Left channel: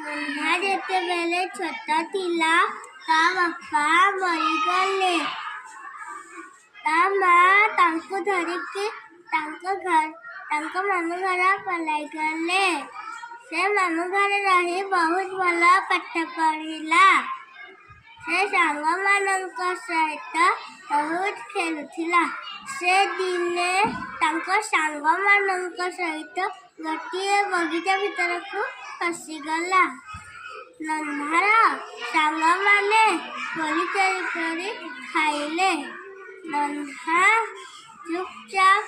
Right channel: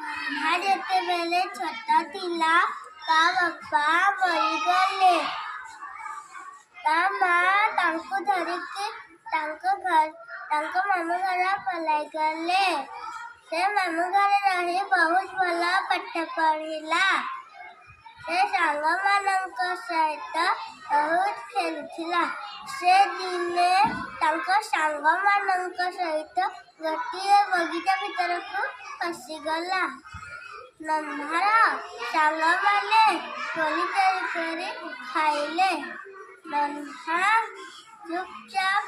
नन्हा ଯେତେବେଳେ ଛୋଟ ଥିଲା ତା ବାପା ମରିଗଲେ। ତା ମା ତାଙ୍କୁ ଧରିକି ତାଙ୍କ ମାମୁଁ ଘର ପଳାଇଗଲେ। ସେ ମାମୁଁ ଘରେ ରହି ବହୁତ ଭଲ ପାଠ ପଢ଼ିଲା। ସେ ସାଙ୍ଗମାନଙ୍କ ସହିତ ବହୁତ ଖେଳୁଥିଲା। ସେ ଦିନେ ତାଙ୍କ ସାଙ୍ଗମାନଙ୍କ ସହିତ ଗୋଟିଏ ବଗିଚା ଭିତରକୁ ପଶିଗଲା। ନନ୍ହାର ସାଙ୍ଗମାନେ କୋଳି ଚୋରି କରି ଖାଇଲେ। ନନ୍ହା ଚୁପଚାପ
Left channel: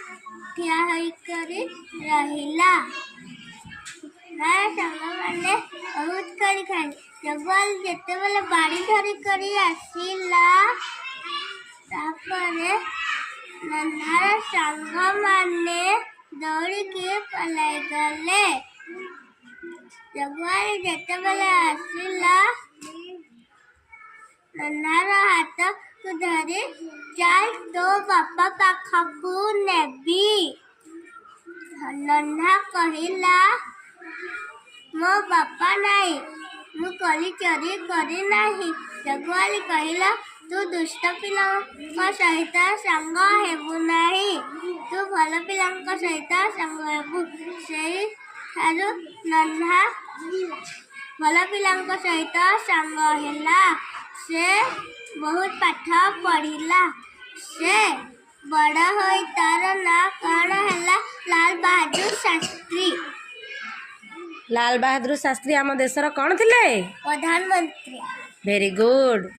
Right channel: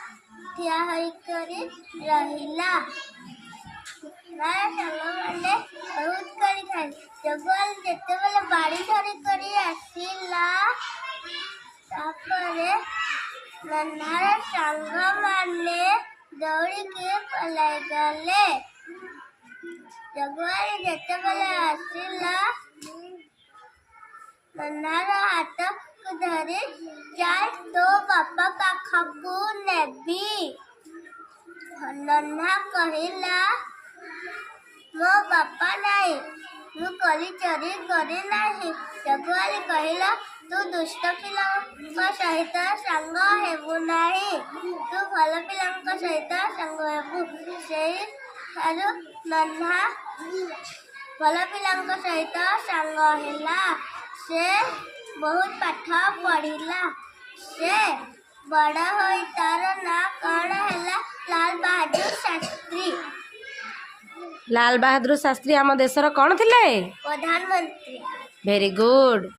ଠିଆ ହୋଇକରି ରହିଲା। ତାର ସାଙ୍ଗମାନେ ବହୁତ କୋଳି ଖାଇଲେ। ଯେତେବେଳେ ବାଡ଼ି ଧରିକରି ଆସିଲା, ତାପରେ ନନ୍ହାର ସାଙ୍ଗମାନେ ଦୌଡ଼ିକି ପଳାଇଗଲେ। ଜଗୁଆଳି ଯେତେବେଳେ ଆସିଲା, ନନ୍ହାର ହାତକୁ ଧରି ଚାଲ ତୋ ବାପା ପାଖକୁ ନେବି। ନନ୍ହା କହିଲା, ମୋ ବାପା ନାହିଁ, ମୁଁ କୋଳି ଚୋରି କରିନାହିଁ। ଜଗୁଆଳି କହିଲା, ତୁ ଦୁଷ୍ଟ ପିଲାଙ୍କ ସହିତ ସାଙ୍ଗ ହେବୁ ନାହିଁ, ତୁ ଭଲ ପିଲାଙ୍କ ସହିତ ସାଙ୍ଗ ହେବୁ। ସେହିଠାରୁ ନନ୍ହା ଭଲ ପିଲାଙ୍କ ସହିତ ସାଙ୍ଗ ହେଲା। ସେ ବହୁତ ପାଠ ପଢ଼ିଲା। ସେ ବଡ଼ ହୋଇ ତାର ନାଁ କ'ଣ ହେଲା? ଲାଲ ବାହାଦୁର ଶାସ୍ତ୍ରୀ। ଲାଲ ବାହାଦୁର ଶାସ୍ତ୍ରୀ ଆମ ଦେଶର କ'ଣ ଥିଲେ? ପ୍ରଧାନମନ୍ତ୍ରୀ। Very good.